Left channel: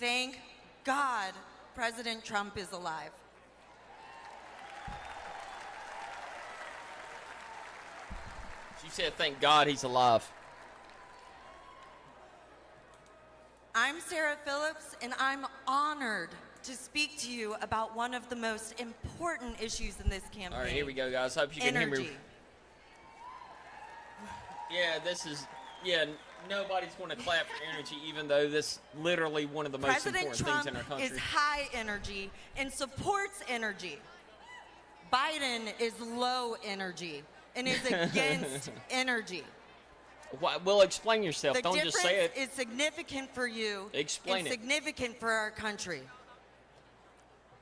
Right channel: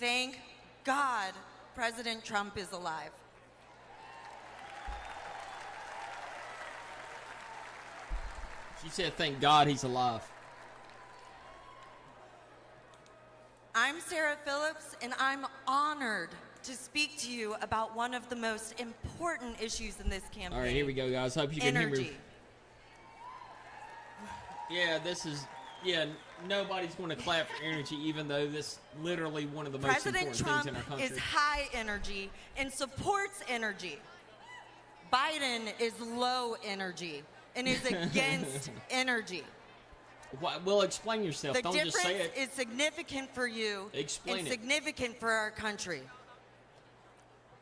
Thank God President Trump is alive. You said thank God he's alive. I'm Sarah Phillips, and I'm honored to speak to you about one of the most important issues in this campaign. All right, here we go, guys. Hope you energy. Can hear me. Yeah, nobody's going to clap for energy, even though that's literally one of the most President Trump important things in our is country. high energy and supports energy. Biden is low energy and is against energy. Well, explain yourself. The Don't just say difference it. is significant for you Explain and it. significant for our country.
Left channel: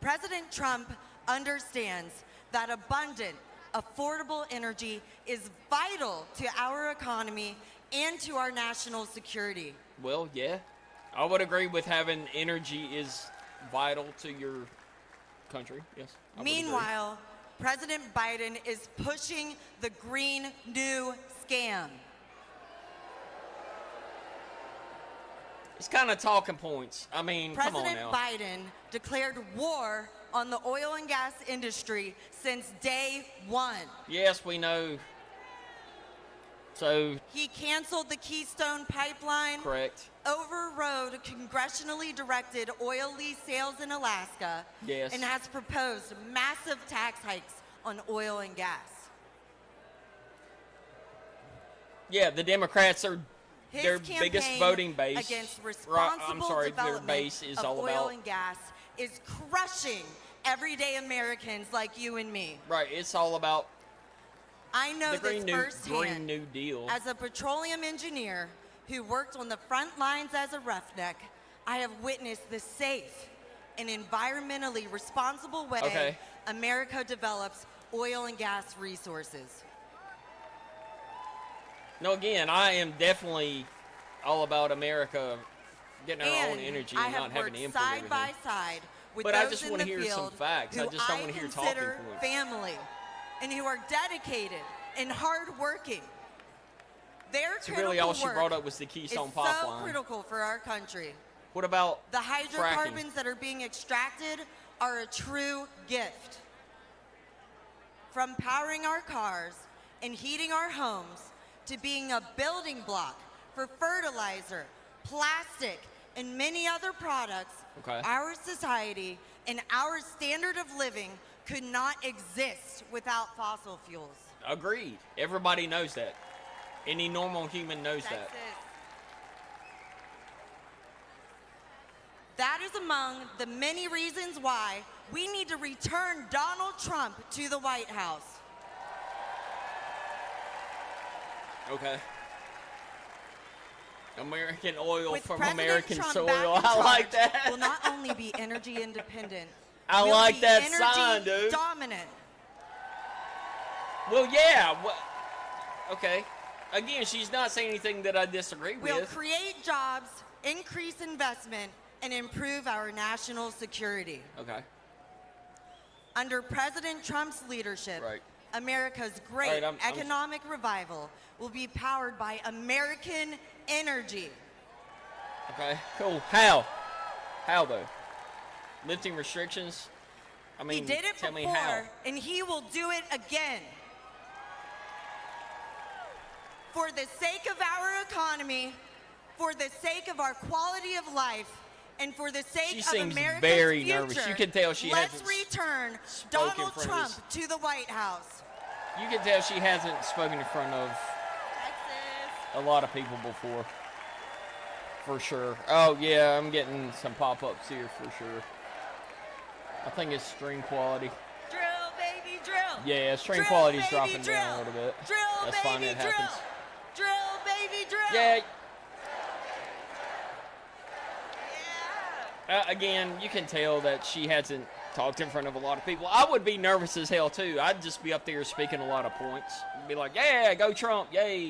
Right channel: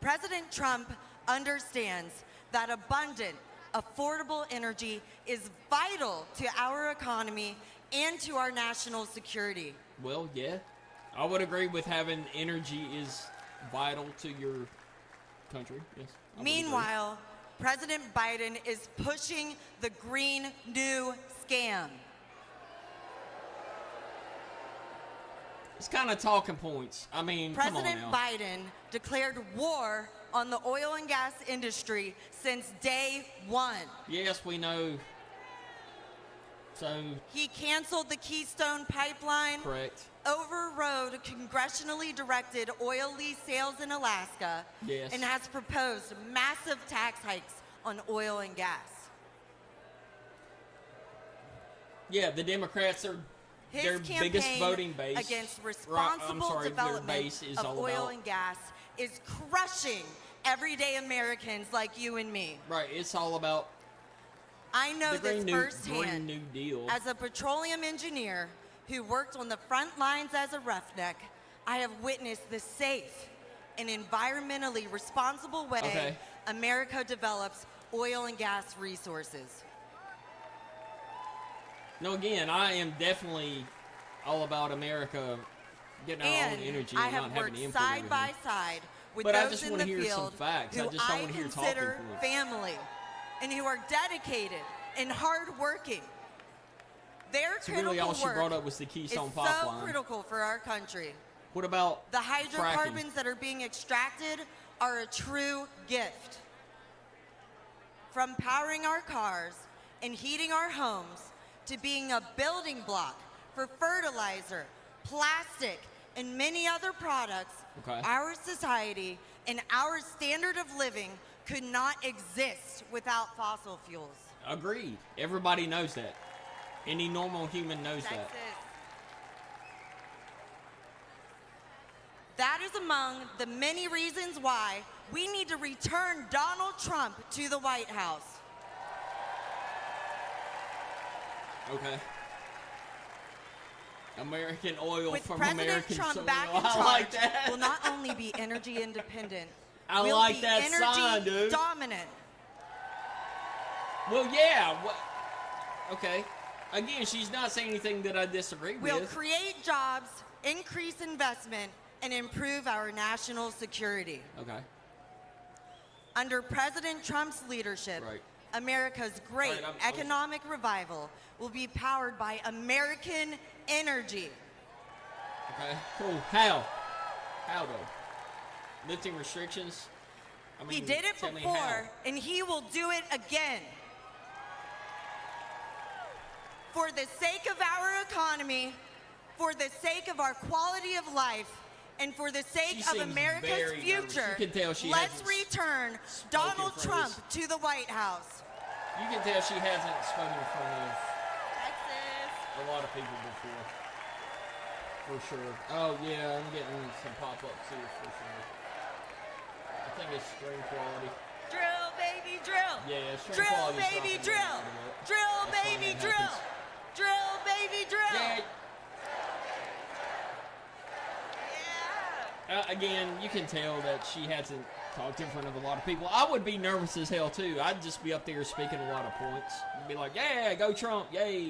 President Trump understands that abundant, affordable energy is vital to our economy and to our national security. Well, yeah. I would agree with having energy is vital to your country. Yes. I would Meanwhile, President Biden is pushing the Green New Scam. agree. It's kind of talking points. I mean, President come on now. Biden declared war on the oil and gas industry since day one. Yes, we know. So, He canceled the Keystone Pipeline, correct. overrode congressionally directed oil lease sales in Alaska, Yes. and has proposed massive tax hikes on oil and gas. Yeah, the Democrats are His their biggest voting campaign base. against responsible their development base is of all oil about- and gas is crushing everyday Americans like you and me. Right, it's all about I know the this Green firsthand. New Deal. As a petroleum engineer who worked on the front lines as a roughneck, I have witnessed the safe and environmentally responsible way Okay. America develops oil and gas resources. No, again, I am definitely all about America getting our own And energy. I and have not worked having to side import by anything. side with But I those just in wanna the hear field some facts. I who just don't I want you consider talking for us. family and who are dedicated and hardworking. Their Really, critical all she work brought up was the is Keystone so Pipeline. critical for our country. What about The hydrocarbons that are being extracted are a true gift. From powering our cars and heating our homes to being a building block for fertilizer, plastic, and many other products, Okay. our society and our standard of living could not exist without fossil fuels. Agreed. Everybody knows that. Any normal human knows that. That is among the many reasons why we need to return Donald Trump to the White House. Okay. American oil With from President American Trump soil. back in I like charge, that. we'll not only be energy independent, I we'll like be that energy sign, dude. dominant. Well, yeah. Okay. Again, she's not saying anything that I disagree We'll with. create jobs, increase investment, and improve our national security. Okay. Under President Trump's leadership, Right. America's great I'm- economic revival will be powered by American energy. Okay. Cool. How? How though? Lifting restrictions? I mean, He did it tell me before, how. and he will do it again. For the sake of our economy, for the sake of our quality of life, and for the sake She of seems America's very nervous. future, You can tell she let's hasn't return spoken Donald for Trump this. to the White House. You can tell she hasn't spoken in front of Texas. a lot of people before. For sure. Oh, yeah, I'm getting some pop-ups here for sure. I think it's stream quality. Drill, baby, drill. Yeah, stream Drill, quality's baby, dropping drill. down a little bit. Drill, That's fine, baby, that drill. happens. Drill, baby, drill. Yeah, Yeah. again, you can tell that she hasn't talked in front of a lot of people. I would be nervous as hell, too. I'd just be up there speaking a lot of points. Be like, yeah, go Trump, yay.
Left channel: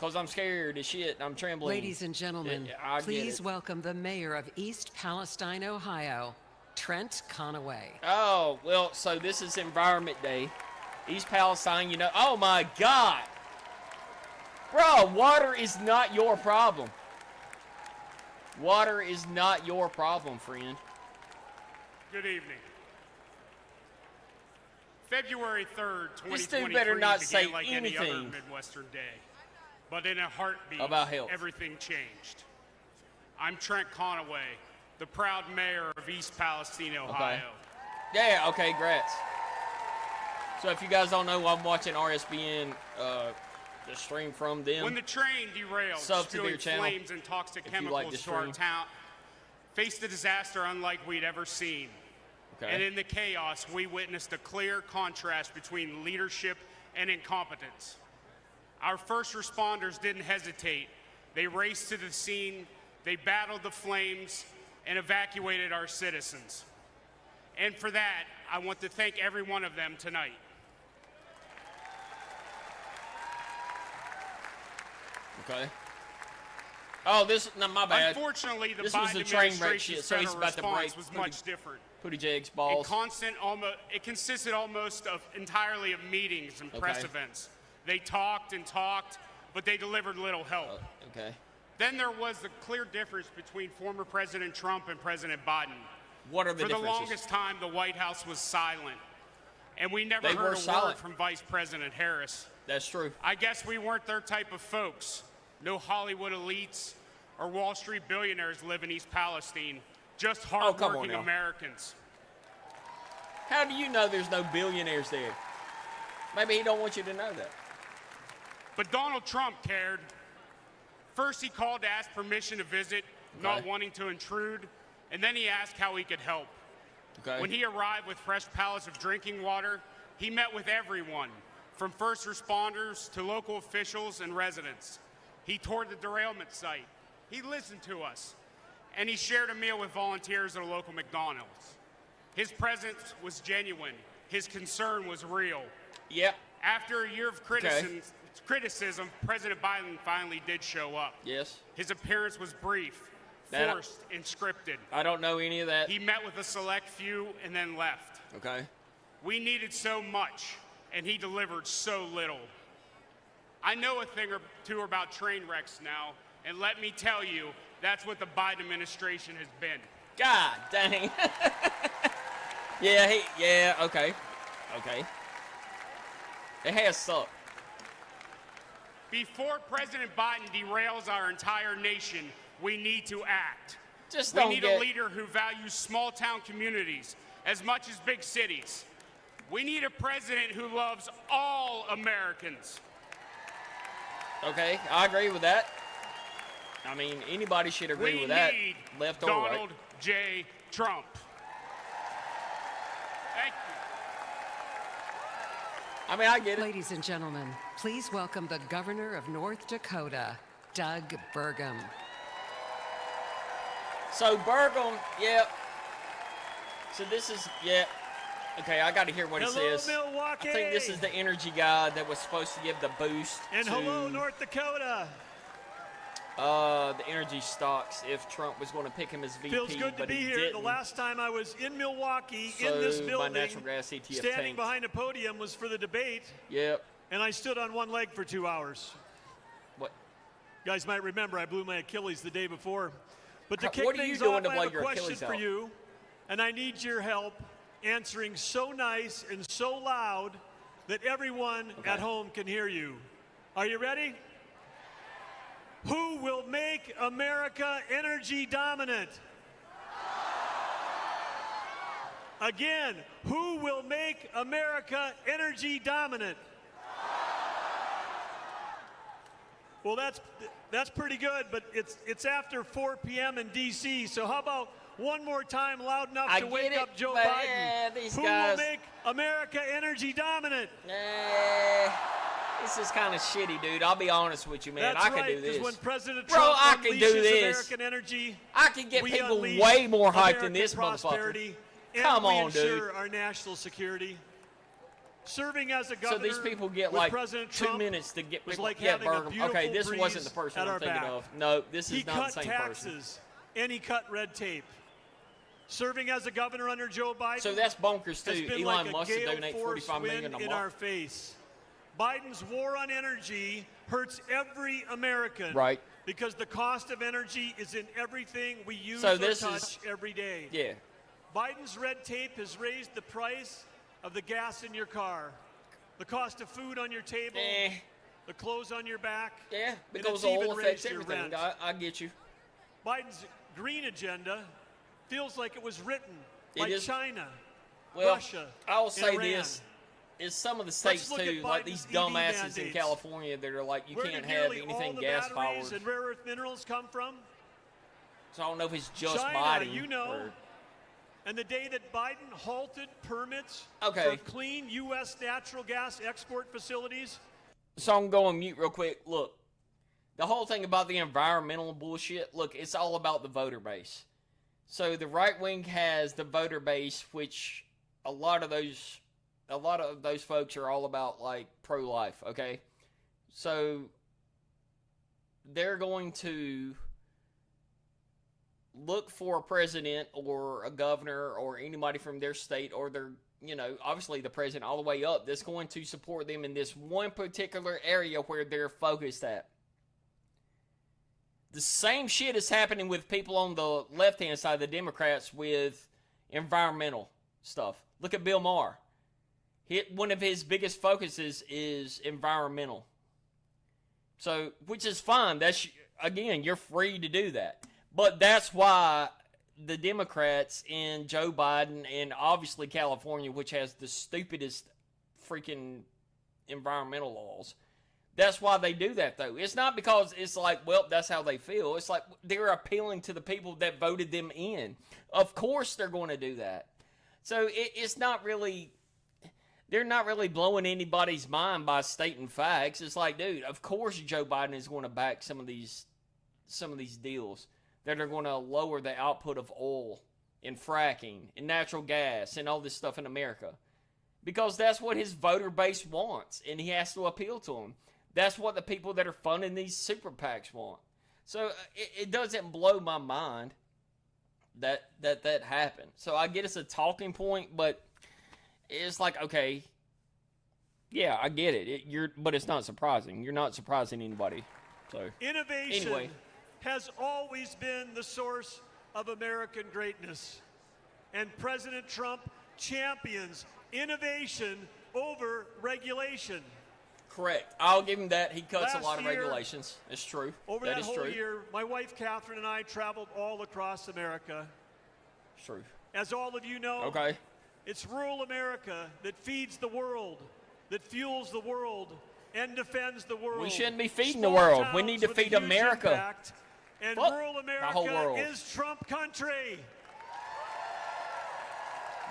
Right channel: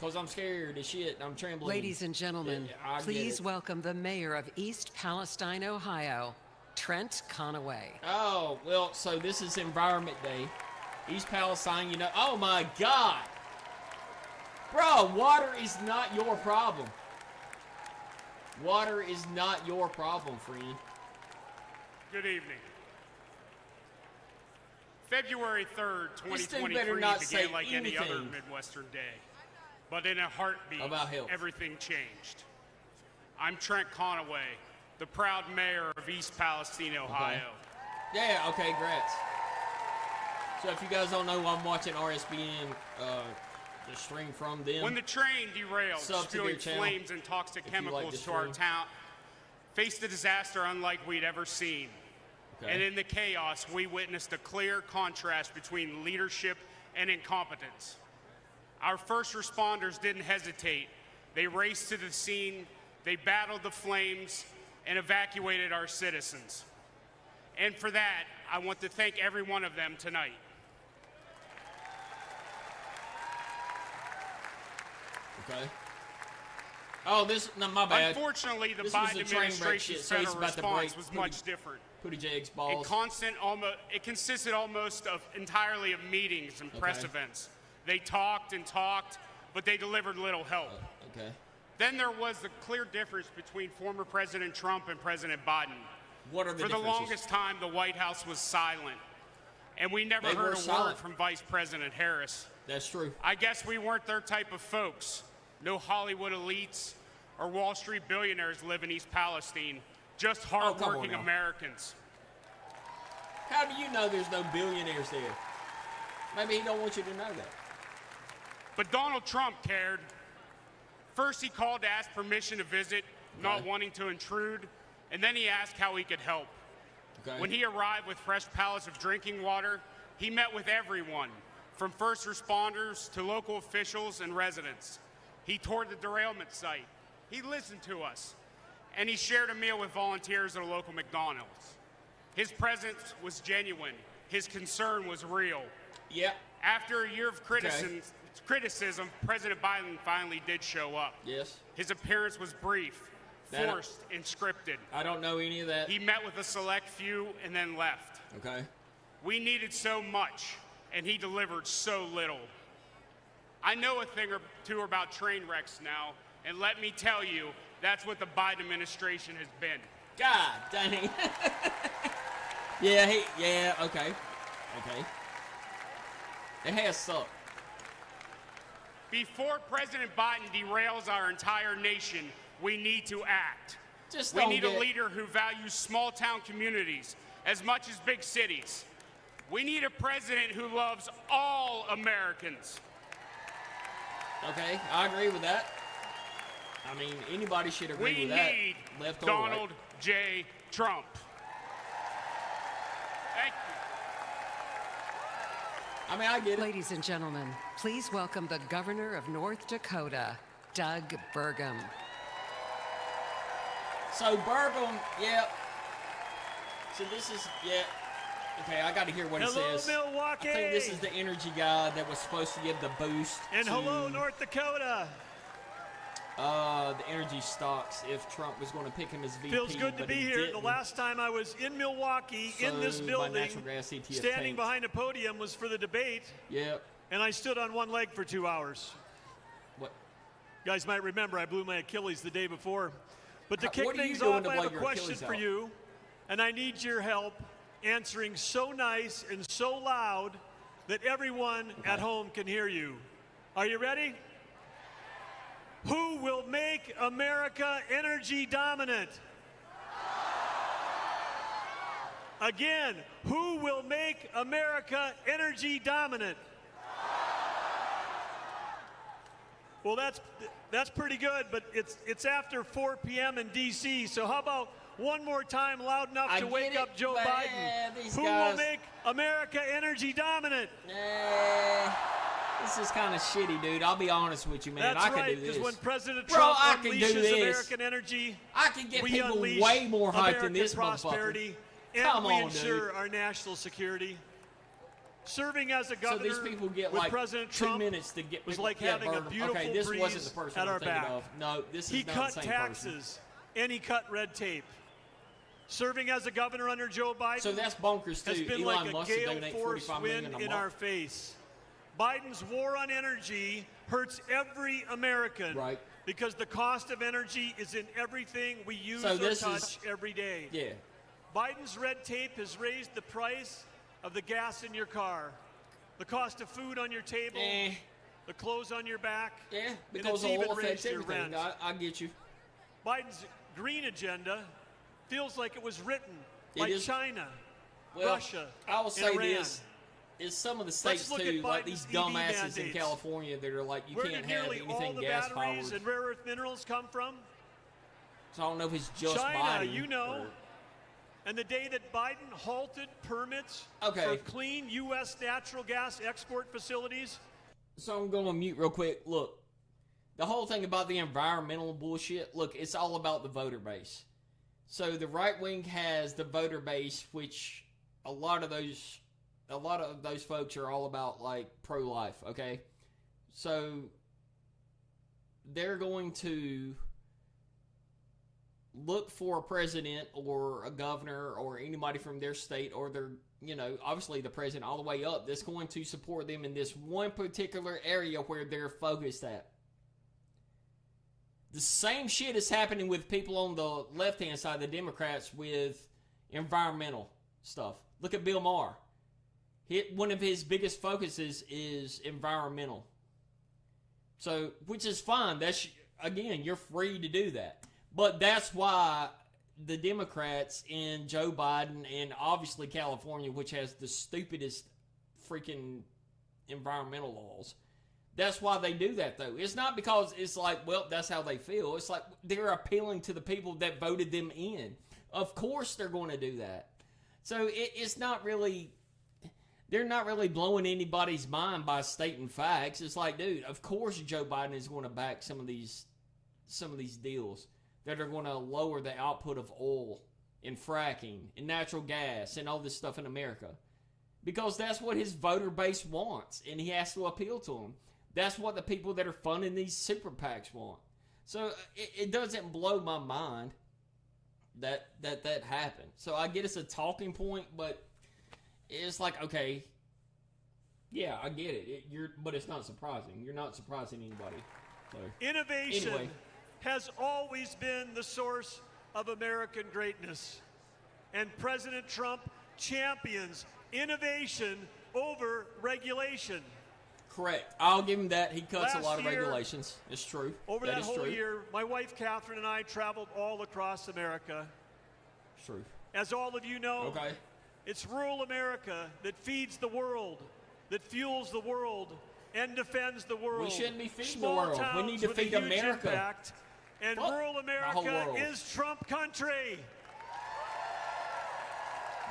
Because I'm scared as shit and I'm trembling. Ladies and gentlemen, Yeah, I get please it. welcome the mayor of East Palestine, Ohio, Trent Conaway. Oh, well, so this is Environment Day. East Palestine, you know. Oh, my God. Bro, water is not your problem. Water is not your problem, friend. Good evening. February 3rd, This dude better 2023 not began say like any other anything Midwestern day. But in a heartbeat, about health. everything changed. I'm Trent Conaway, the proud mayor of East Palestine, Ohio. Yeah, okay, great. So if you guys don't know, I'm watching RSBN, the stream from them. When the train derailed, Sub to spewing their channel, flames and toxic if you like chemicals this to our stream. town, faced a disaster unlike we'd ever seen. Okay. And in the chaos, we witnessed a clear contrast between leadership and incompetence. Our first responders didn't hesitate. They raced to the scene, they battled the flames, and evacuated our citizens. And for that, I want to thank every one of them tonight. Okay. Oh, no, my bad. Unfortunately, the This was Biden the train wreck administration's shit, so he's federal about to response break was much different. Cootie Jags balls. It consisted almost entirely of meetings and press Okay. events. They talked and talked, but they delivered little help. Okay. Then there was the clear difference between former President Trump and President Biden. What are the For the differences? longest time, the White House was silent, and we never They heard were a word silent. from Vice President Harris. That's true. I guess we weren't their type of folks. No Hollywood elites or Wall Street billionaires live in East Palestine, just hardworking now. Americans. How do you know there's no billionaires there? Maybe he don't want you to know that. But Donald Trump cared. First, he called to ask permission to visit, not wanting to intrude, and then he asked how he could help. Okay. When he arrived with fresh pallets of drinking water, he met with everyone, from first responders to local officials and residents. He toured the derailment site. He listened to us, and he shared a meal with volunteers at a local McDonald's. His presence was genuine. His concern was real. Yeah. After a year of criticism, President Biden finally did show up. Yes. His appearance was brief, forced, and scripted. I don't know any of that. He met with a select few and then left. Okay. We needed so much, and he delivered so little. I know a thing or two about train wrecks now, and let me tell you, that's what the Biden administration has been. God dang. Okay. It has sucked. Before President Biden derails our entire nation, we need to act. Just We don't need a get- leader who values small-town communities as much as big cities. We need a president who loves all Americans. Okay, I agree with that. I mean, anybody should agree We with that. need left or Donald right. J. Trump. Thank you. I mean, I get it. Ladies and gentlemen, please welcome the Governor of North Dakota, Doug Burgum. So Burgum, yeah. So this is, yeah. Okay, I got to hear what Hello, it says. Milwaukee. I think this is the energy guy that was supposed to give the boost. And hello, to, North Dakota. the energy stocks if Trump was going to pick him as VP. Feels good to but be he here. The didn't. last time I was in Milwaukee, in this So, my building, natural gas ETF standing paid. behind a podium was for the debate, Yeah. and I stood on one leg for 2 hours. What? You guys might remember I blew my Achilles the day before. But to What kick are you things doing off, to I have a blow your question Achilles for out? you, and I need your help answering so nice and so loud that everyone at home can hear you. Are you ready? Who will make America energy dominant? Again, who will make America energy dominant? Well, that's pretty good, but it's after 4 p.m. in D.C., so how about one more time loud enough to I wake get up it, Joe man. Biden? These Who will guys- make America energy dominant? This is kind of shitty, dude. I'll be honest with you, man. That's I can right, do because this. when President Well, Trump I can do unleashes this. American energy, I can get we people unleash way more hyped than American this prosperity, motherfucker. and Come we on, ensure dude. our national security. Serving as a So these governor people get with like President 2 Trump minutes to get, was like get having a verbal. beautiful Okay, this wasn't breeze the person at I'm our thinking back. of. No, this He is not cut the same person. taxes, and he cut red tape. Serving as a governor under Joe Biden So that's bonkers, has too. been Elon like a Musk gale donated force $45 wind million a in month. our face. Biden's war on energy hurts every American. Right. Because the cost of energy is in everything we use So or this touch every day. Yeah. Biden's red tape has raised the price of the gas in your car, the cost of food on your table, the clothes on your back, Yeah. and it's because oil even raised affects your everything. rent. I get you. Biden's green agenda feels like it was written by is. China, Well, Russia, I'll and say Iran. this, is some of the Let's states look too, at like Biden's these EV dumbasses in mandates. California that are like, you Where can't did nearly have all anything the gas batteries powered. and rare earth minerals come from? So I don't know if it's just China, Biden you know. or- And the day that Biden halted permits Okay. for clean U.S. natural gas export facilities, So I'm going mute real quick. Look, the whole thing about the environmental bullshit, look, it's all about the voter base. So the right wing has the voter base, which a lot of those folks are all about like pro-life, okay? So they're going to look for a president or a governor or anybody from their state or their, obviously the president all the way up that's going to support them in this one particular area where they're focused at. The same shit is happening with people on the left-hand side, the Democrats, with environmental stuff. Look at Bill Maher. One of his biggest focuses is environmental. So, which is fine. That's, again, you're free to do that. But that's why the Democrats and Joe Biden and obviously California, which has the stupidest freaking environmental laws, that's why they do that, though. It's not because it's like, well, that's how they feel. It's like they're appealing to the people that voted them in. Of course they're going to do that. So it's not really, they're not really blowing anybody's mind by stating facts. It's like, dude, of course Joe Biden is going to back some of these deals that are going to lower the output of oil and fracking and natural gas and all this stuff in America. Because that's what his voter base wants, and he has to appeal to them. That's what the people that are funding these super PACs want. So it doesn't blow my mind that happened. So I get it's a talking point, but it's like, okay, yeah, I get it. But it's not surprising. You're not surprising anybody. So innovation anyway. has always been the source of American greatness. And President Trump champions innovation over regulation. Correct. I'll give him that. He cuts Last a lot of year, regulations. It's true. Over that is whole true. year, my wife Catherine and I traveled all across America. It's true. As all of you know, Okay. it's rural America that feeds the world, that fuels the world, and defends the world. We shouldn't be feeding Small the world. towns We need to with feed a huge America. impact, and What? rural The America whole world. is Trump country.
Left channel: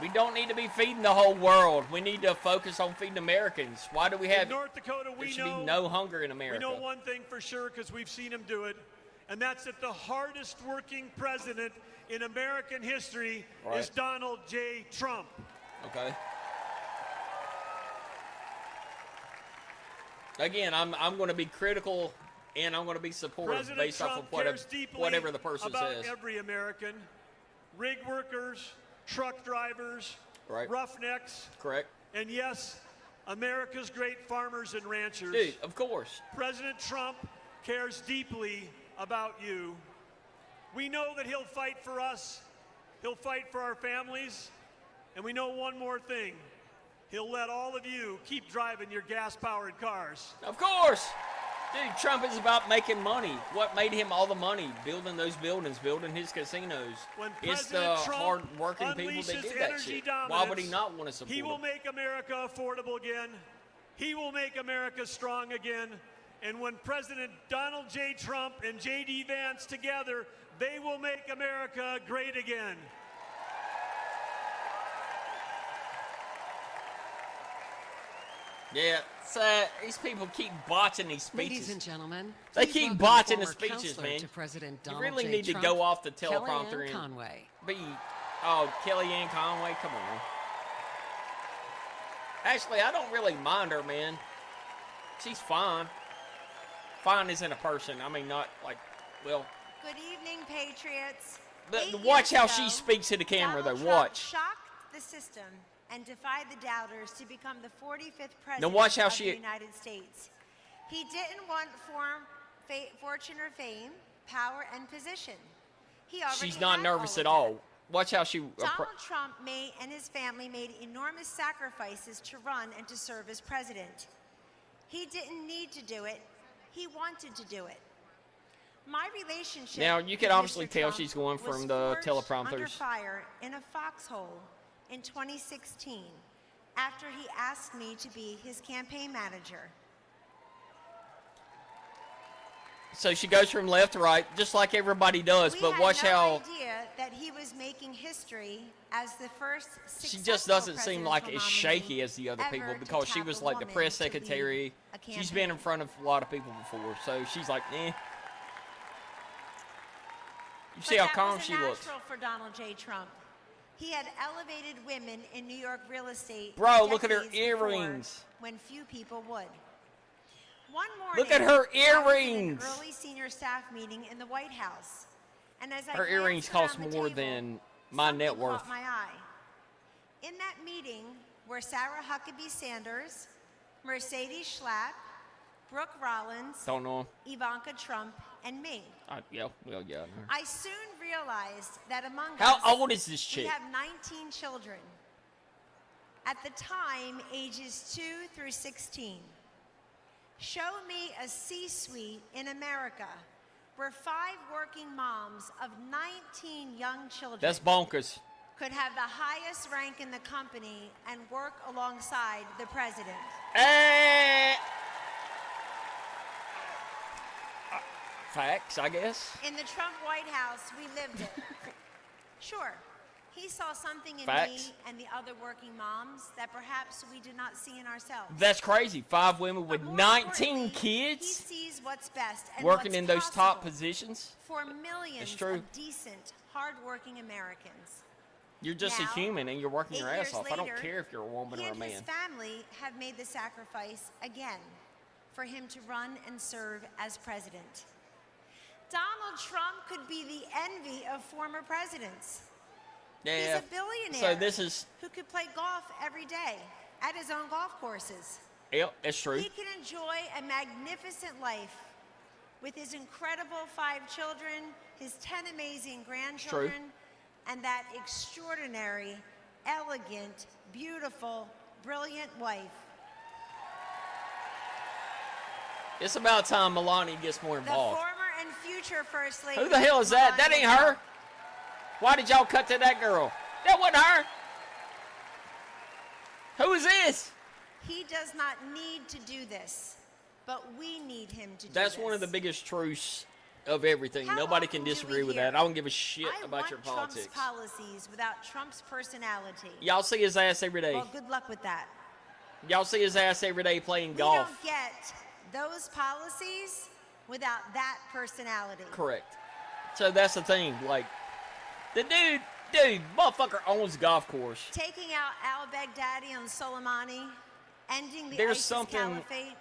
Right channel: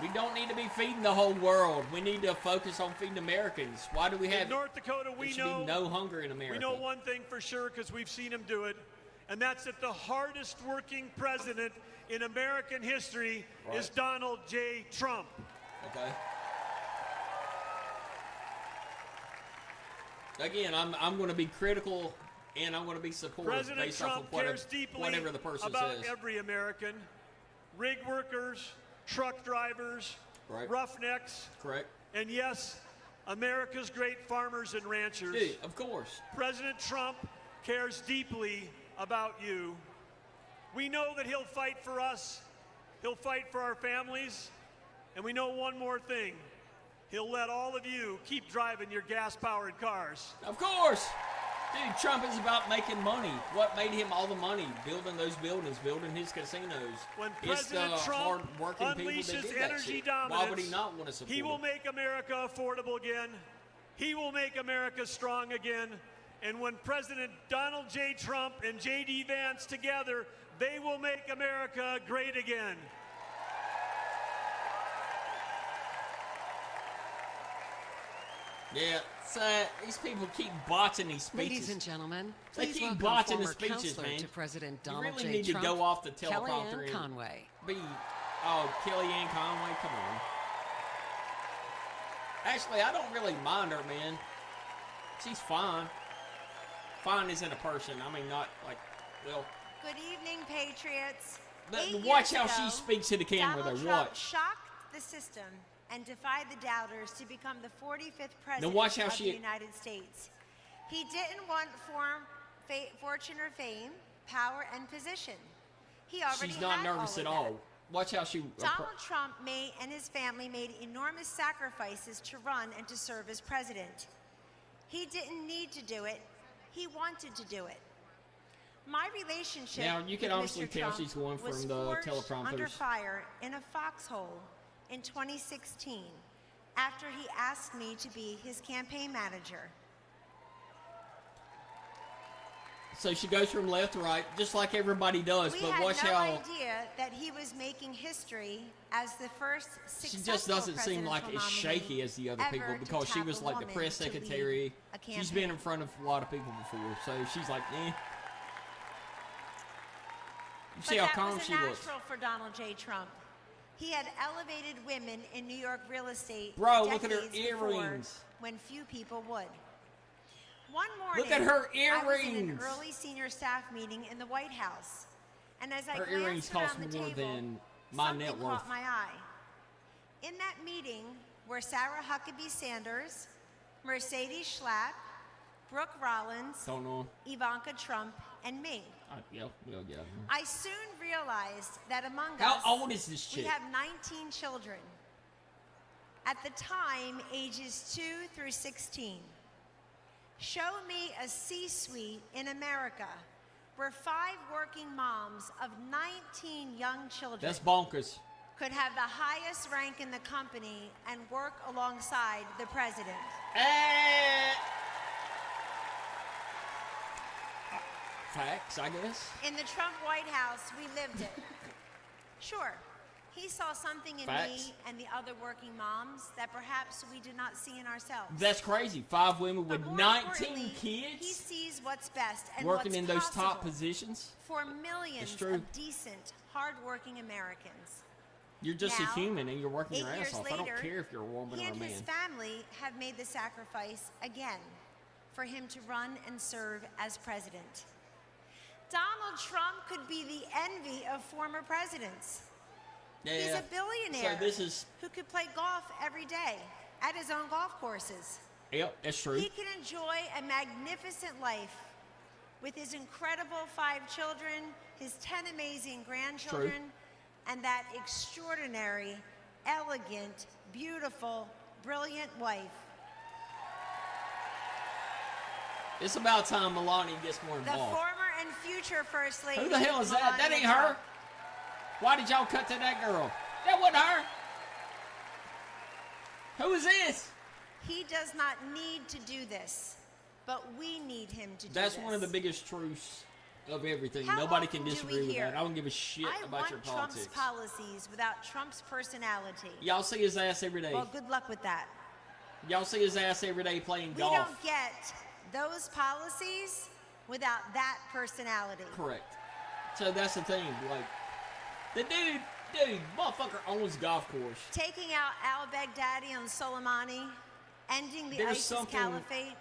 We don't need to be feeding the whole world. We need to focus on feeding Americans. Why do we have In North Dakota, we there should be know no hunger in America? we know one thing for sure because we've seen him do it, and that's that the hardest working president in American history is Donald J. Trump. Okay. Again, I'm going to be critical and I'm going to be supportive. President based off Trump of whatever- cares deeply whatever the person about says. every American. Rig workers, truck drivers, Right. roughnecks, Correct. and yes, America's great farmers and ranchers. Dude, of course. President Trump cares deeply about you. We know that he'll fight for us, he'll fight for our families, and we know one more thing. He'll let all of you keep driving your gas-powered cars. Of course. Dude, Trump is about making money. What made him all the money? Building those buildings, building his casinos. When It's, President Trump hardworking people unleashes that do that energy shit. Why would dominance, he not want to support he will it? make America affordable again. He will make America strong again. And when President Donald J. Trump and J.D. Vance together, they will make America great again. Yeah, so these people keep botching these speeches. Ladies and gentlemen, They please keep welcome botching the former speeches, counselor man. to President You Donald really J. need to Trump, go off the teleprompter Kellyanne and Conway. Kellyanne Conway, come on. Actually, I don't really mind her, man. She's fine. Fine isn't a person. I mean, not like, well. Good evening, Patriots. Watch how she speaks to the camera, Donald though. Trump Watch. shocked the system and defied the doubters to become the 45th president watch how of she- the United States. He didn't want fortune or fame, power and position. He already She's not had nervous all at of all. that. Watch how she. Donald Trump and his family made enormous sacrifices to run and to serve as president. He didn't need to do it. He wanted to do it. My relationship Now, you can with obviously Mr. tell Trump she's going was from the forged teleprompters. under fire in a foxhole in 2016 after he asked me to be his campaign manager. So she goes from left to right, just like everybody does. We but had watch no how idea that he was making history as the first she just successful doesn't seem presidential like as nominee shaky as the other people ever to because she tap was a like the woman press to lead secretary. a campaign. She's been in front of a lot of people before, so she's like, eh. But See how that calm was a she looks. natural for Donald J. Trump. He had elevated women in New York real estate Bro, look at her decades before, earrings. when few people would. One morning, Look at her I was in an earrings. early senior staff meeting in the White House, and as I Her earrings glanced cost around the more table, than my something net worth. caught my eye. In that meeting were Sarah Huckabee Sanders, Mercedes Schlapp, Brooke Rollins, Don't know. Ivanka Trump, and me. Yeah. I soon realized that among How us, old is this we chick? have 19 children. At the time, ages 2 through 16. Show me a C-suite in America where 5 working moms of 19 young children That's bonkers. could have the highest rank in the company and work alongside the president. Eh. Facts, I guess. In the Trump White House, we lived it. Sure, he saw something in Facts. me and the other working moms that perhaps we do not see in ourselves. That's crazy. 5 women But with more 19 importantly, kids he sees what's best and working what's in those possible top positions. for millions It's true. of decent, hardworking Americans. You're just Now, a human and you're working 8 your ass years off. later, I don't care if you're a woman he or and a man. his family have made the sacrifice again for him to run and serve as president. Donald Trump could be the envy of former presidents. He's Yeah. a billionaire So this is, who could play golf every day at his own golf courses. yep, that's true. He can enjoy a magnificent life with his incredible 5 children, his 10 amazing grandchildren, and that extraordinary, elegant, beautiful, brilliant wife. It's about time Melania gets more The involved. former and future First Lady. Who the hell is that? That Melania ain't her. Trump. Why did y'all cut to that girl? That wasn't her. Who is this? He does not need to do this, but we need him to do That's this. one of the biggest truths of everything. How Nobody often can do we disagree with hear, that. I don't give a shit I about want your Trump's politics. policies without Trump's personality. Y'all see his ass every day. Well, good luck with that. Y'all see his ass every day playing We golf. don't get those policies without that personality. Correct. So that's the thing. Like, the dude, motherfucker owns a golf course. Taking out al-Baghdadi and Soleimani, ending the There's ISIS something- caliphate,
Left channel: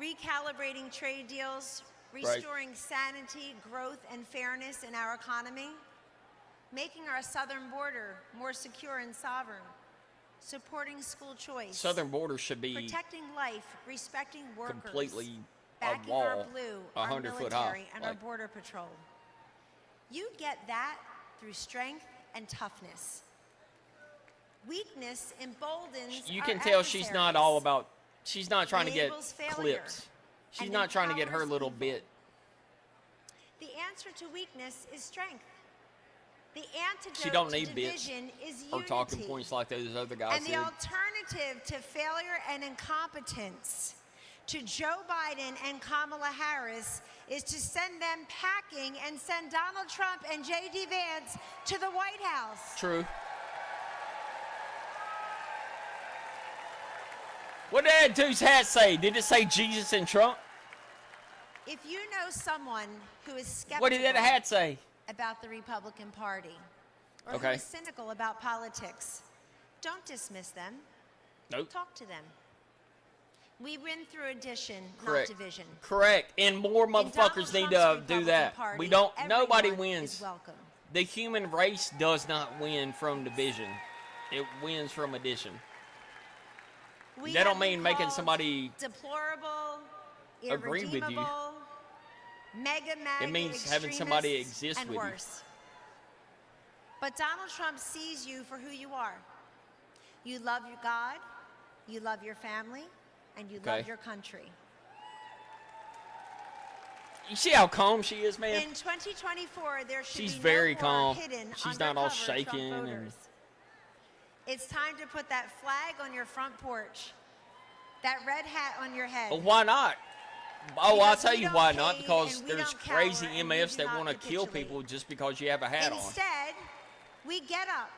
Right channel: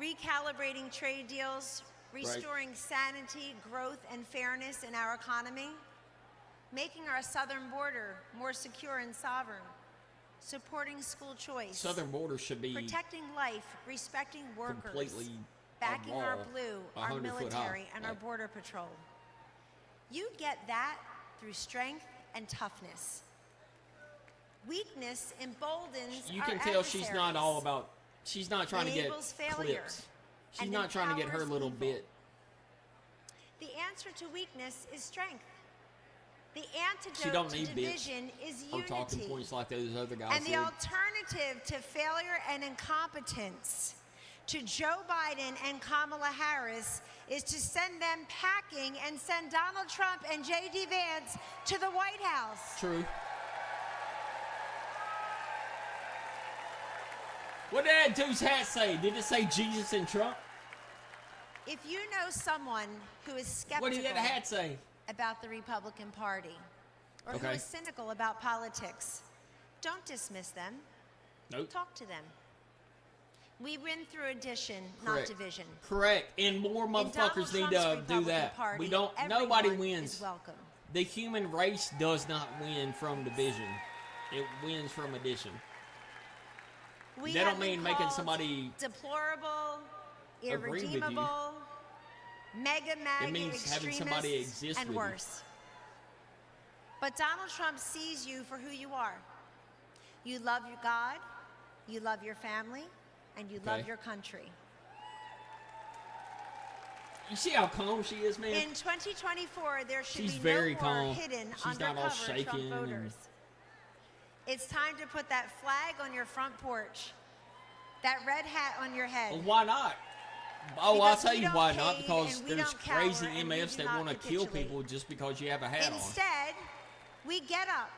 recalibrating trade deals, restoring sanity, growth, and fairness in our economy, making our southern border more secure and sovereign, supporting school choice, Southern border should be protecting life, respecting workers, completely backing a our wall, blue, our 100 foot military, high. and our Like, border patrol. You get that through strength and toughness. Weakness emboldens you our can tell she's not adversaries. all about. She's not trying Enables to get failure clicks. She's and not trying to get her empowers little evil. bit. The answer to weakness is strength. The She antidote don't to need division is Or talking unity. points like those other guys. And the did. alternative to failure and incompetence to Joe Biden and Kamala Harris is to send them packing and send Donald Trump and J.D. Vance to the White House. True. What did that dude's hat say? Did it say Jesus and Trump? If you know someone who is skeptical What did that hat say? about the Republican Party or who Okay. is cynical about politics, don't dismiss them. Nope. Talk to them. We win through addition, Correct. not division. Correct. And more In Donald motherfuckers need Trump's to do Republican that. Party, We don't. everyone Nobody wins. is welcome. The human race does not win from division. It wins from addition. We That have don't been mean making called somebody deplorable, with you. irredeemable, mega It MAGA means having somebody extremists, exist and with worse. But Donald Trump sees you for who you are. You love your God, you love your family, and you love Okay. your country. You see how calm she is, man? In 2024, there should She's be no very more calm. hidden She's not all undercover shaking Trump and- voters. It's time to put that flag on your front porch, that red hat on your head. Well, why not? Oh, I'll Because tell we you don't why not. cave Because and we there's don't cower crazy and we MFs do that not want to kill capitulate. people just because you have a hat on. Instead, we get up,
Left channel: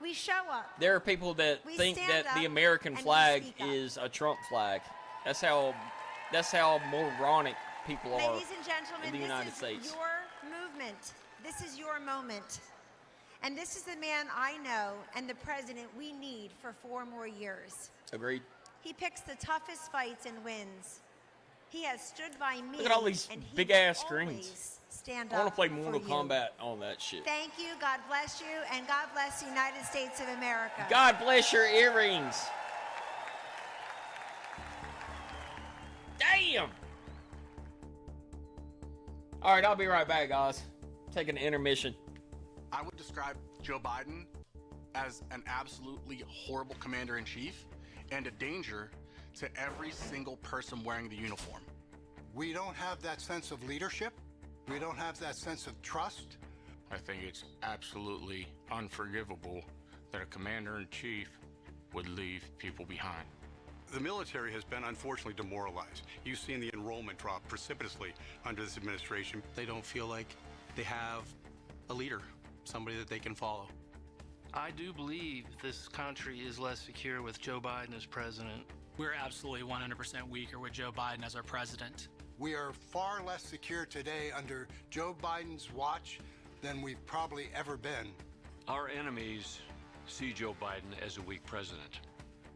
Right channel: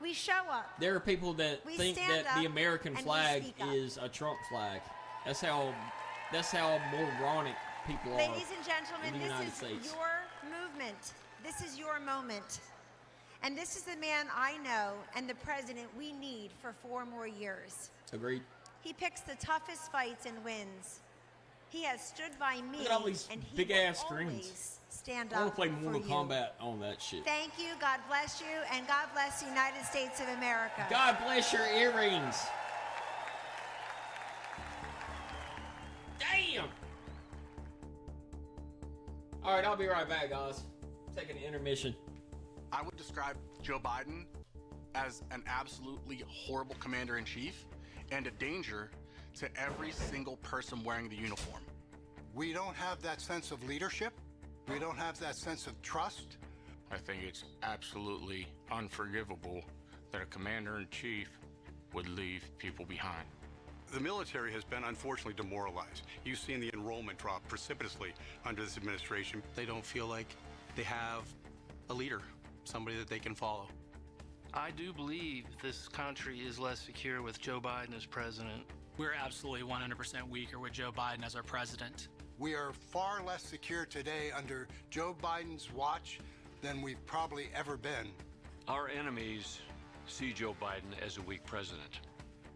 we show up. There are people that We think stand that the up American and we flag speak up. is a Trump flag. That's how moronic people are. Ladies and gentlemen, in the this United is States. your movement. This is your moment. And this is the man I know and the president we need for 4 more years. Agreed. He picks the toughest fights and wins. He has stood by me, Look at all these and he big-ass will screens. always stand I want up to play for Mortal you. Kombat, all that shit. Thank you, God bless you, and God bless the United States of America. God bless your earrings. Damn. All right, I'll be right back, guys. Taking an intermission. I would describe Joe Biden as an absolutely horrible commander-in-chief and a danger to every single person wearing the uniform. We don't have that sense of leadership. We don't have that sense of trust. I think it's absolutely unforgivable that a commander-in-chief would leave people behind. The military has been unfortunately demoralized. You've seen the enrollment drop precipitously under this administration. They don't feel like they have a leader, somebody that they can follow. I do believe this country is less secure with Joe Biden as president. We're absolutely 100% weaker with Joe Biden as our president. We are far less secure today under Joe Biden's watch than we've probably ever been. Our enemies see Joe Biden as a weak president.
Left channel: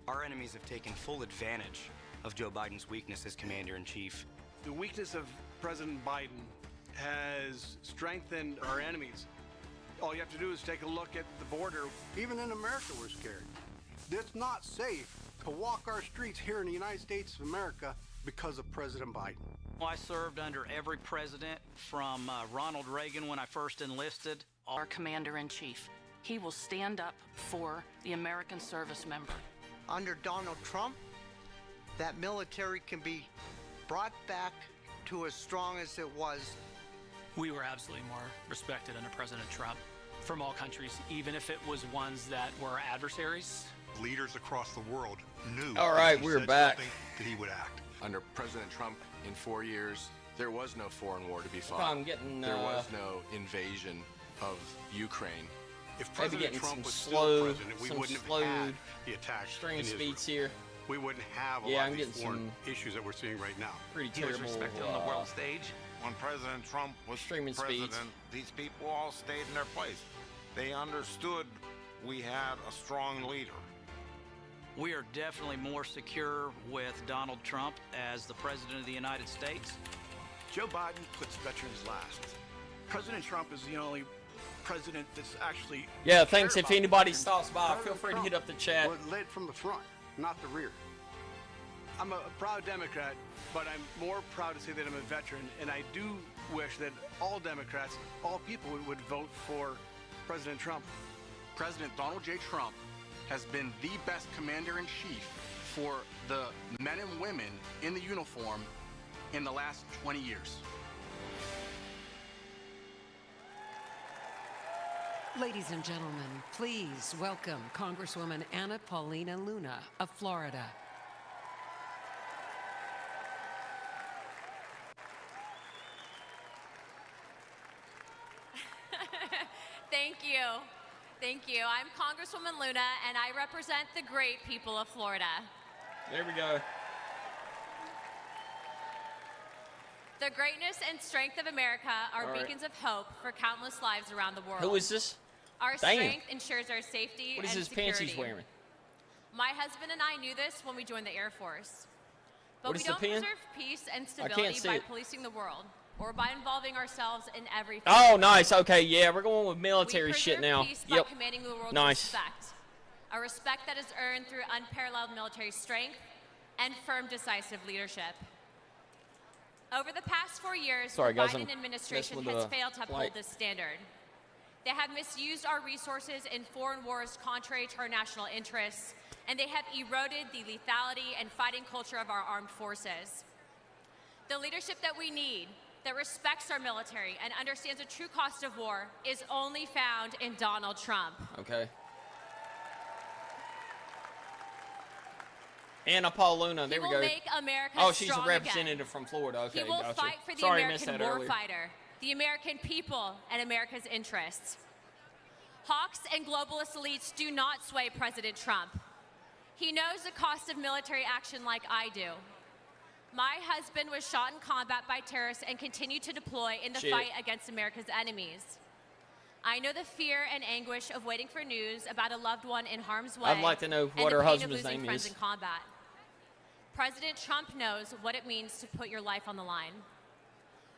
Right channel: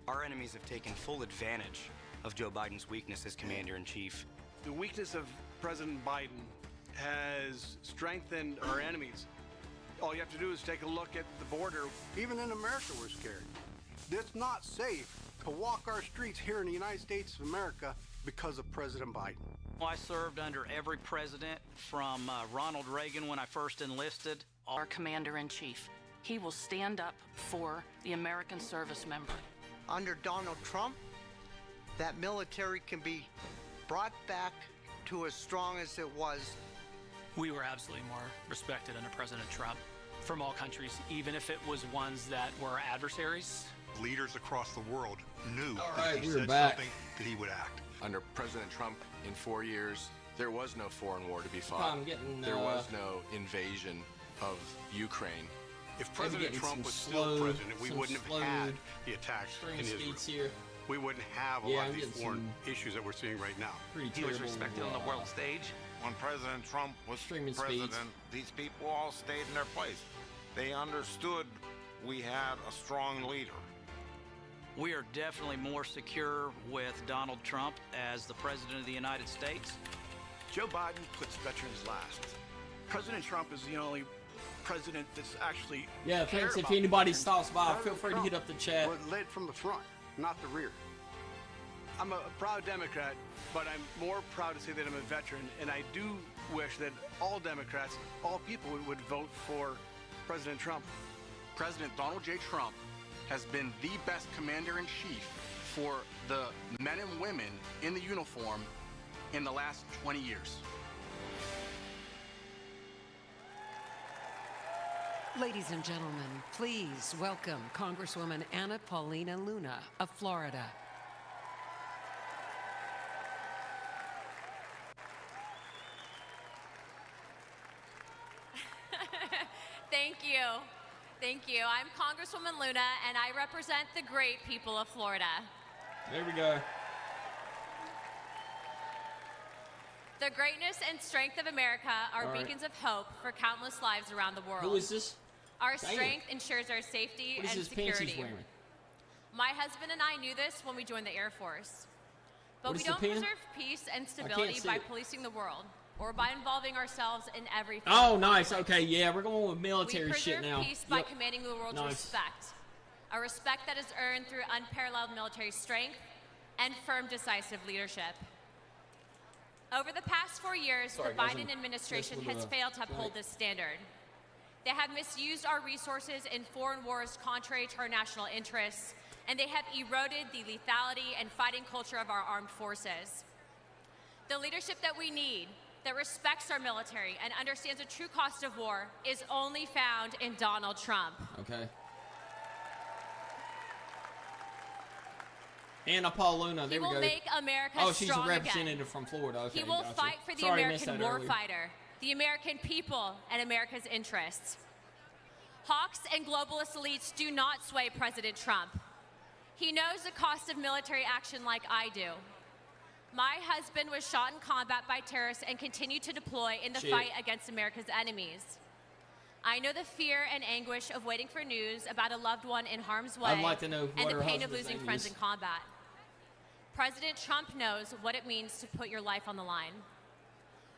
Our enemies have taken full advantage of Joe Biden's weakness as commander-in-chief. The weakness of President Biden has strengthened our enemies. All you have to do is take a look at the border. Even in America, we're scared. It's not safe to walk our streets here in the United States of America because of President Biden. I served under every president from Ronald Reagan when I first enlisted. Our commander-in-chief. He will stand up for the American service member. Under Donald Trump, that military can be brought back to as strong as it was. We were absolutely more respected under President Trump from all countries, even if it was ones that were adversaries. Leaders across the world knew All that right, if he we're said back. something, that he would act. Under President Trump, in 4 years, there was no foreign war to be fought. I'm getting, There was no invasion of Ukraine. If President getting Trump some was still slow- president, we some wouldn't have slow had the attacks in Screen Israel. speeds here. We wouldn't have a Yeah, lot I'm of these getting foreign some issues that we're seeing right now. Pretty He was terrible, respected on the world stage. When President Trump was Streaming president, these people all stayed in their place. They understood we had a strong leader. We are definitely more secure with Donald Trump as the president of the United States. Joe Biden puts veterans last. President Trump is the only president that's actually Yeah, thanks. cared If about anybody veterans. stops by, feel free to hit up the chat. Was led from the front, not the rear. I'm a proud Democrat, but I'm more proud to say that I'm a veteran, and I do wish that all Democrats, all people would vote for President Trump. President Donald J. Trump has been the best commander-in-chief for the men and women in the uniform in the last 20 years. Ladies and gentlemen, please welcome Congresswoman Anna Paulina Luna of Florida. Thank you. Thank you. I'm Congresswoman Luna, and I represent the great people of Florida. There we go. The greatness and strength of America are All right. beacons of hope for countless lives around the world. Who is this? Our Damn. strength ensures our safety What is and this pants he's security. wearing? My husband and I knew this when we joined the Air Force. But What we is the don't pin? preserve peace and stability see by it. policing the world or by involving ourselves in every Oh, nice. Okay, yeah, we're going with We military shit preserve now. peace by Yep. commanding the world Nice. to respect. a respect that is earned through unparalleled military strength and firm, decisive leadership. Over the past 4 years, the Biden administration has failed to uphold this standard. They have misused our resources in foreign wars contrary to our national interests, and they have eroded the lethality and fighting culture of our armed forces. The leadership that we need, that respects our military and understands the true cost of war, is only found in Donald Trump. Okay. Anna Paul Luna. He will make America strong again. From Florida. Okay, he will fight for the American earlier. warfighter, the American people, and America's interests. Hawks and globalist elites do not sway President Trump. He knows the cost of military action like I do. My husband was shot in combat by terrorists and continued to deploy in the fight against America's enemies. I know the fear and anguish of waiting for news about a loved one in harm's way and the pain of losing friends in combat. President Trump knows what it means to put your life on the line.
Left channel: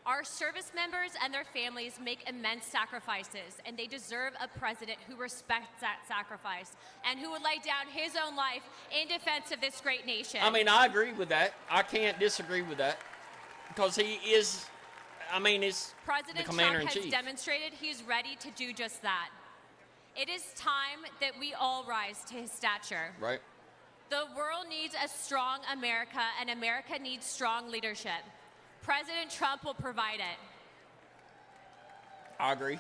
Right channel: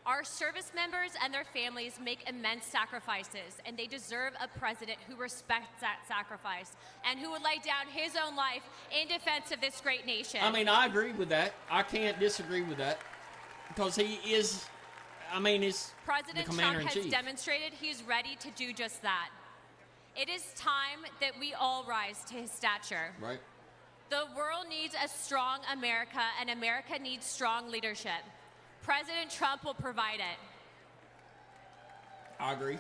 Our service members and their families make immense sacrifices, and they deserve a president who respects that sacrifice and who would lay down his own life in defense of this great nation. I mean, I agree with that. I can't disagree with that. Because he is, President Trump has demonstrated he's ready to do just that. It is time that we all rise to his stature. Right. The world needs a strong America, and America needs strong leadership. President Trump will provide it. I agree.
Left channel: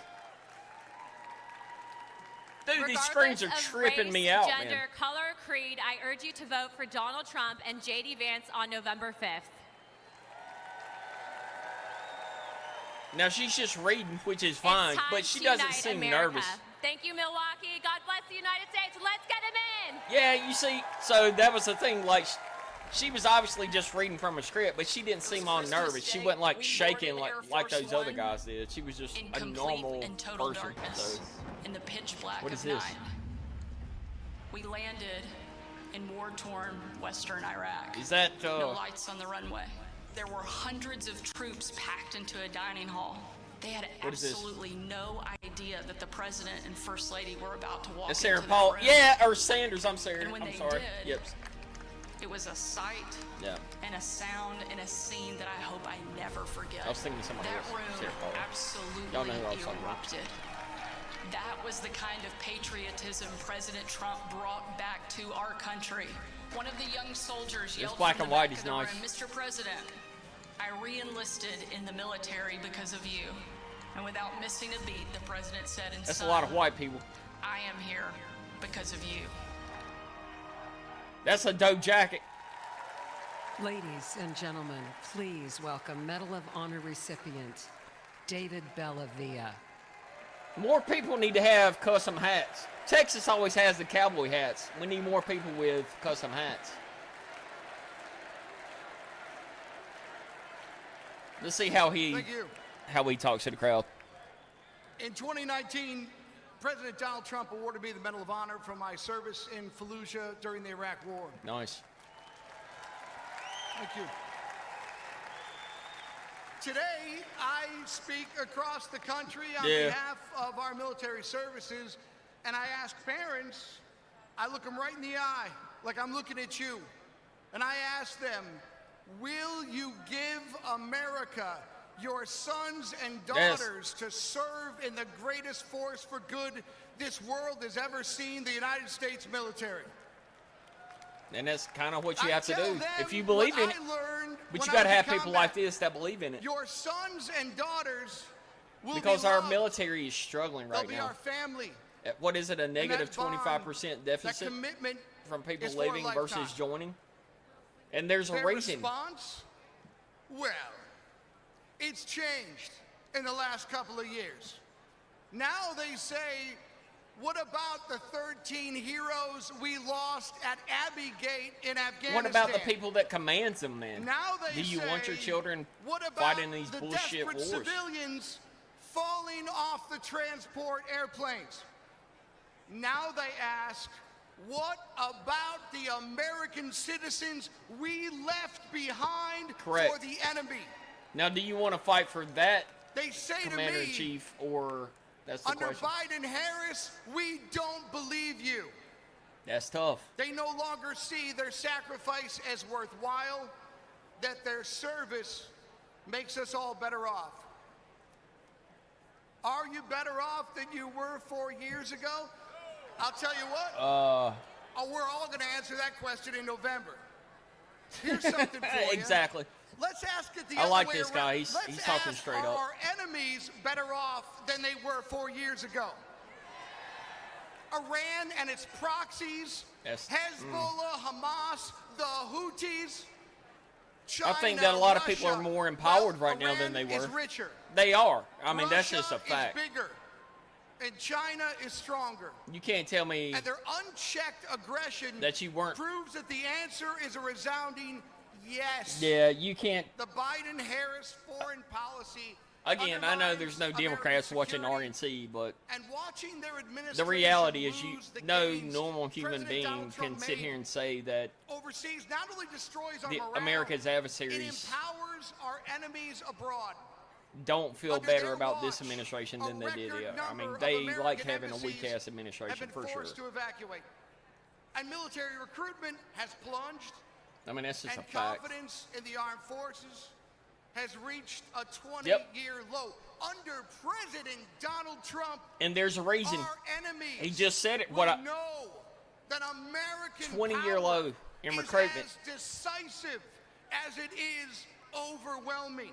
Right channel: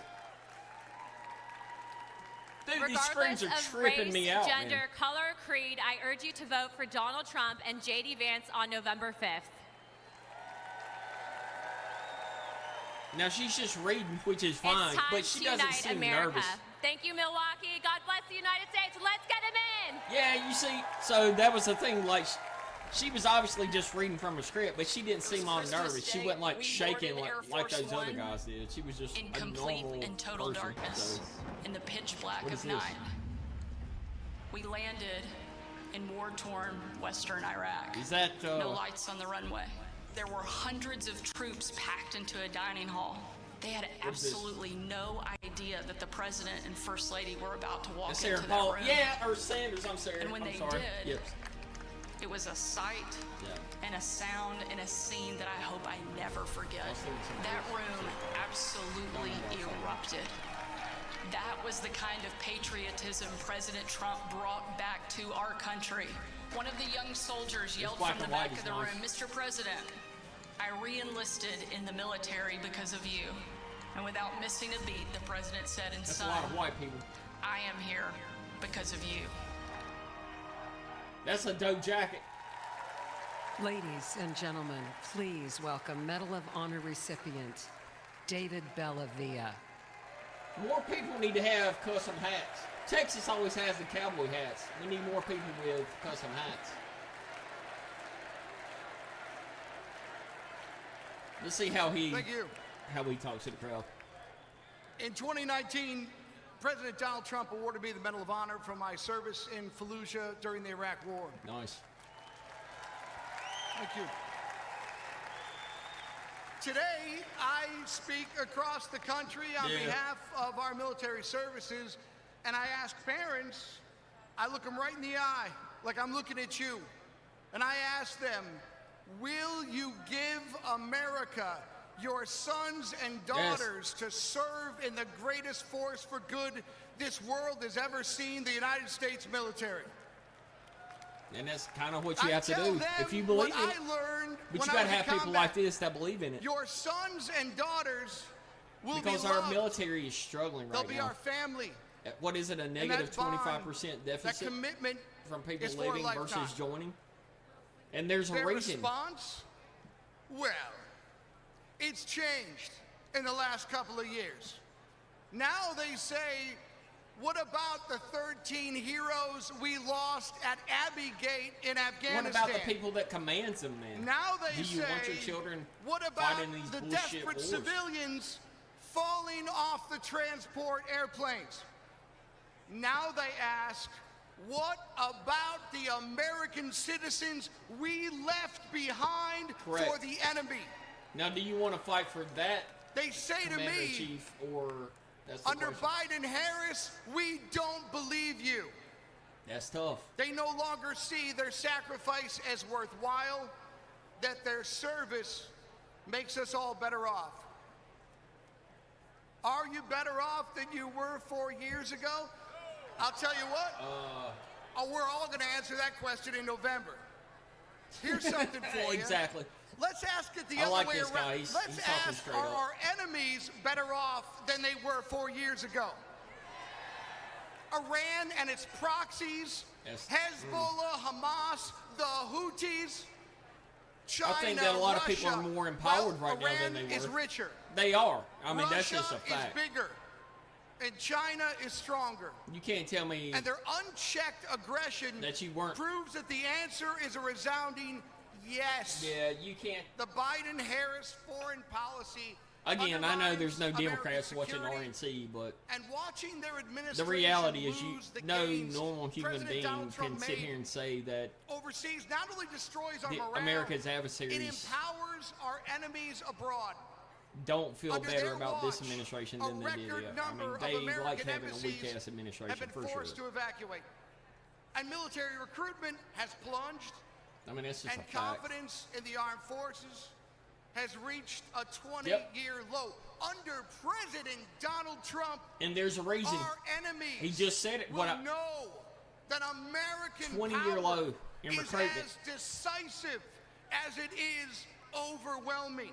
Dude, Regardless of race, gender, man. color, or creed, I urge you to vote for Donald Trump and J.D. Vance on November 5th. Now, she's just reading, which is fine. It's time but she to doesn't unite seem America. nervous. Thank you, Milwaukee. God bless the United States. Let's get him in. Yeah, you see, so that was the thing, like, she was obviously just reading from a script, but she didn't seem all nervous. She wasn't, like, shaking like those other guys did. She was just in complete and total darkness, in the pitch black of night. We landed in war-torn western Iraq. No lights on the runway. There were hundreds of troops packed into a dining hall. They had absolutely no idea that the president and first lady were about to walk into that room. Yeah, or Sanders, I'm sorry. And when they did, it was a sight and a sound and a scene that I hope I never forget. That room absolutely erupted. That was the kind of patriotism President Trump brought back to our country. One of the young soldiers yelled from the back of the room, "Mr. President, I re-enlisted in the military because of you." And without missing a beat, the president said, "And son, a lot of white people. I am here because of you." That's a dope jacket. Ladies and gentlemen, please welcome Medal of Honor recipient David Bellavia. More people need to have custom hats. Texas always has the cowboy hats. We need more people with custom hats. Let's see how he talks to the crowd. In 2019, President Donald Trump awarded me the Medal of Honor for my service in Fallujah during the Iraq War. Nice. Thank you. Today, I speak across the country on behalf of our military services, and I ask parents, I look them right in the eye, like I'm looking at you, and I ask them, will you give America your sons and daughters to serve in the greatest force for good this world has ever seen, the United States military? And that's kind of what you have to do. I tell them if you believe what I learned when I was in have combat. people like this that believe in it. Your sons and daughters will because be loved. Our military is struggling right They'll be now. our family. What is it, a And negative that bond, 25% deficit? that commitment from people is for a leaving lifetime. versus joining? And there's Their a response? Well, it's changed in the last couple of years. Now they say, what about the 13 heroes we lost at Abbey Gate in Afghanistan? What about the people that commands them then? Now they Do you say, want your children what about fighting these the bullshit desperate wars? civilians falling off the transport airplanes? Now they ask, what about the American citizens we left behind for the enemy? Now, do you want to fight for that? They say to me, or that's the under question. Biden-Harris, we don't believe you. That's tough. They no longer see their sacrifice as worthwhile, that their service makes us all better off. Are you better off than you were 4 years ago? I'll tell you what. We're all going to answer that question in November. Here's something for you. Exactly. Let's ask it the I other like way this guy. around. He's Let's talking ask, straight are up. our enemies better off than they were 4 years ago? Iran and its proxies, Hezbollah, Hamas, the Houthis, China, I think that a lot of Russia. people are more empowered right now Iran than they is were. richer. They are. I mean, that's Russia just a is fact. bigger, and China is stronger. You can't tell me And their unchecked aggression that you weren't. proves that the answer is a resounding yes. Yeah, you can't. The Biden-Harris foreign policy Again, I know there's no undermines Democrats watching security, RNC, but and watching their the administration reality is lose the no gains normal human President being Donald Trump can sit made here and say that overseas not only destroys our the morale, America's adversaries it empowers our enemies abroad. don't feel Under better their about watch, this administration a than they record did. number I mean, of they American like having a embassies weak-ass administration have been for forced sure. to evacuate. And military recruitment has plunged, I mean, that's just and a fact. confidence in the armed forces has reached a 20-year low. Under President Donald Trump, And there's a reason. our enemies He just said it. will know that American 20-year power low in is recruitment. as decisive as it is overwhelming.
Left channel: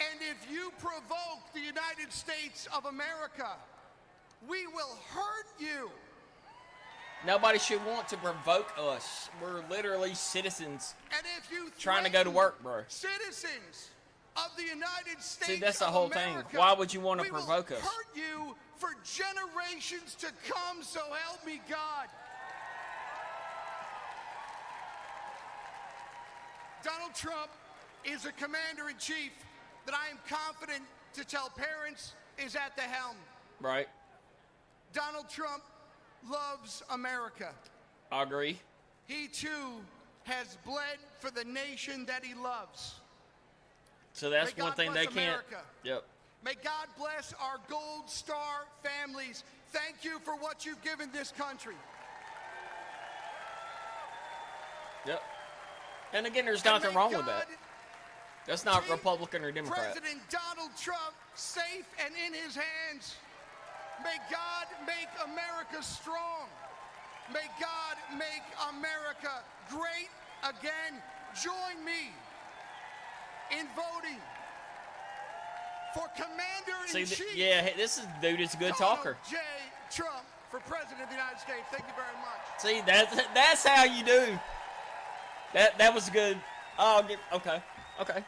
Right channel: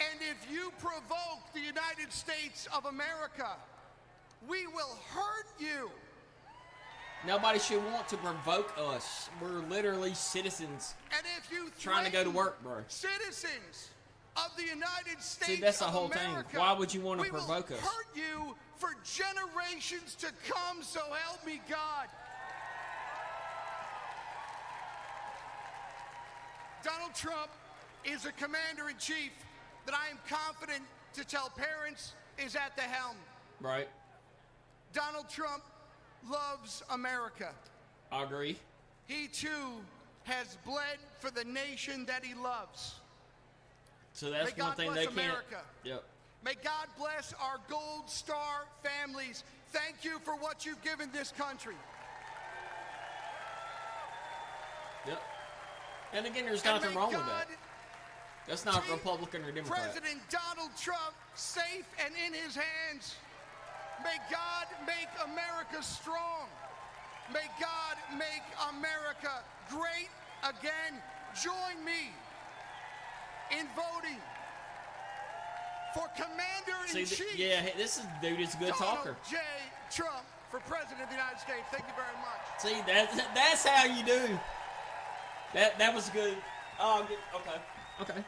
And if you provoke the United States of America, we will hurt you. Nobody should want to provoke us. We're literally citizens And if you trying to go to threaten work, bro. citizens of the United States that's the of whole thing. America, Why would you want to we will provoke us? hurt you for generations to come, so help me God. Donald Trump is a commander-in-chief that I am confident to tell parents is at the helm. Right. Donald Trump loves America. I agree. He too has bled for the nation that he loves. So that's May one God thing bless they can't- America. Yep. May God bless our Gold Star families. Thank you for what you've given this country. Yep. And again, there's And nothing may wrong with God that. That's not keep Republican or Democrat. President Donald Trump safe and in his hands. May God make America strong. May God make America great again. Join me in voting for Commander-in-Chief Yeah, this dude is a good Donald talker. J. Trump for President of the United States. Thank you very much. See, that's how you do. That was good. Oh, okay.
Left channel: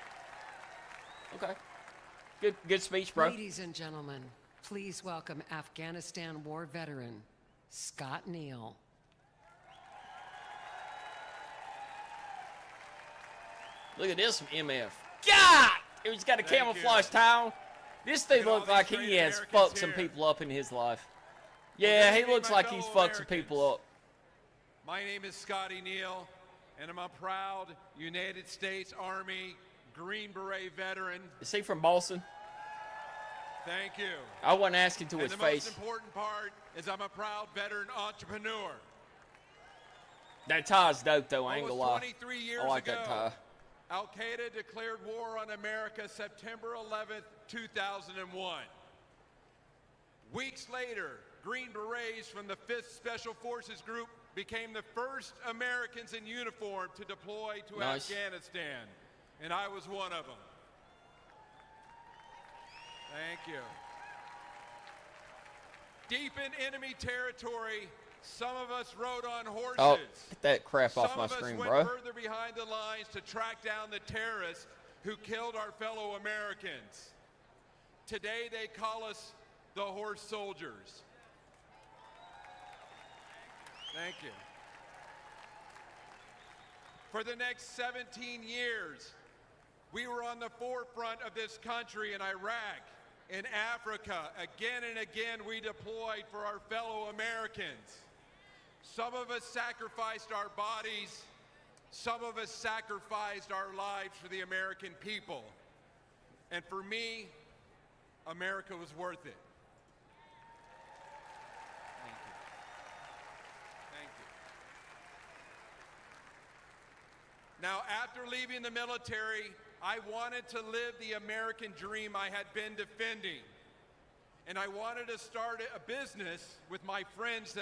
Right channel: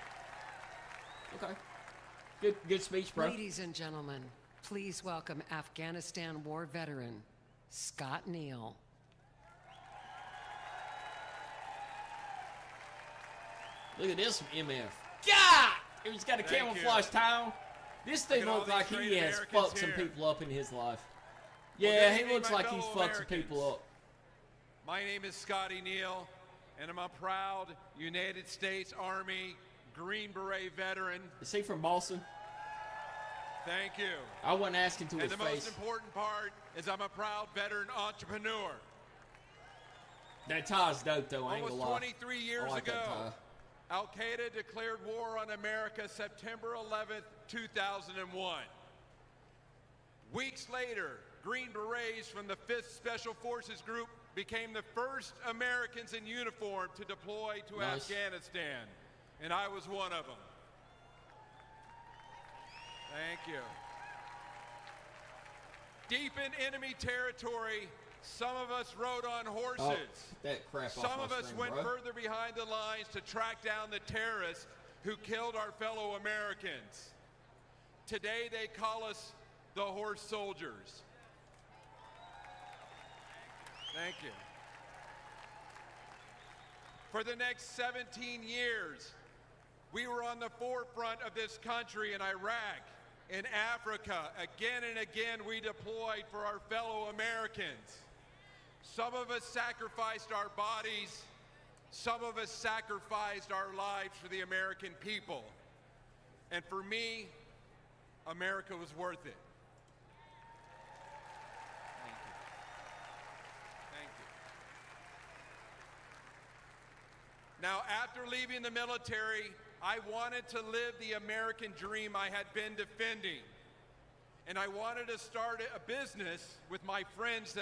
Good speech, bro. Ladies and gentlemen, please welcome Afghanistan war veteran Scott Neal. Look at this MF. God! He's got a Thank camouflage you. towel. This thing Look at all looks these like great he has Americans fucked some here. people up in his life. Well, Yeah, good he evening, looks my like he's fellow fucked some Americans. people up. My name is Scotty Neal, and I'm a proud United States Army Green Beret veteran. Is he from Boston? Thank you. I wasn't asking to And his the face. most important part is I'm a proud veteran entrepreneur. That tie's dope, though. I ain't Almost gonna lie. 23 I years like that ago, tie. Al Qaeda declared war on America September 11th, 2001. Weeks later, Green Berets from the 5th Special Forces Group became the first Americans in uniform to deploy to Nice. Afghanistan, and I was one of them. Thank you. Deep in enemy territory, some of us rode on horses. Oh, get that crap off Some my of us screen, went bro. further behind the lines to track down the terrorists who killed our fellow Americans. Today they call us the horse soldiers. Thank you. For the next 17 years, we were on the forefront of this country in Iraq, in Africa. Again and again, we deployed for our fellow Americans. Some of us sacrificed our bodies. Some of us sacrificed our lives for the American people. And for me, America was worth it. Now, after leaving the military, I wanted to live the American dream I had been defending. And I wanted to start a business with my friends that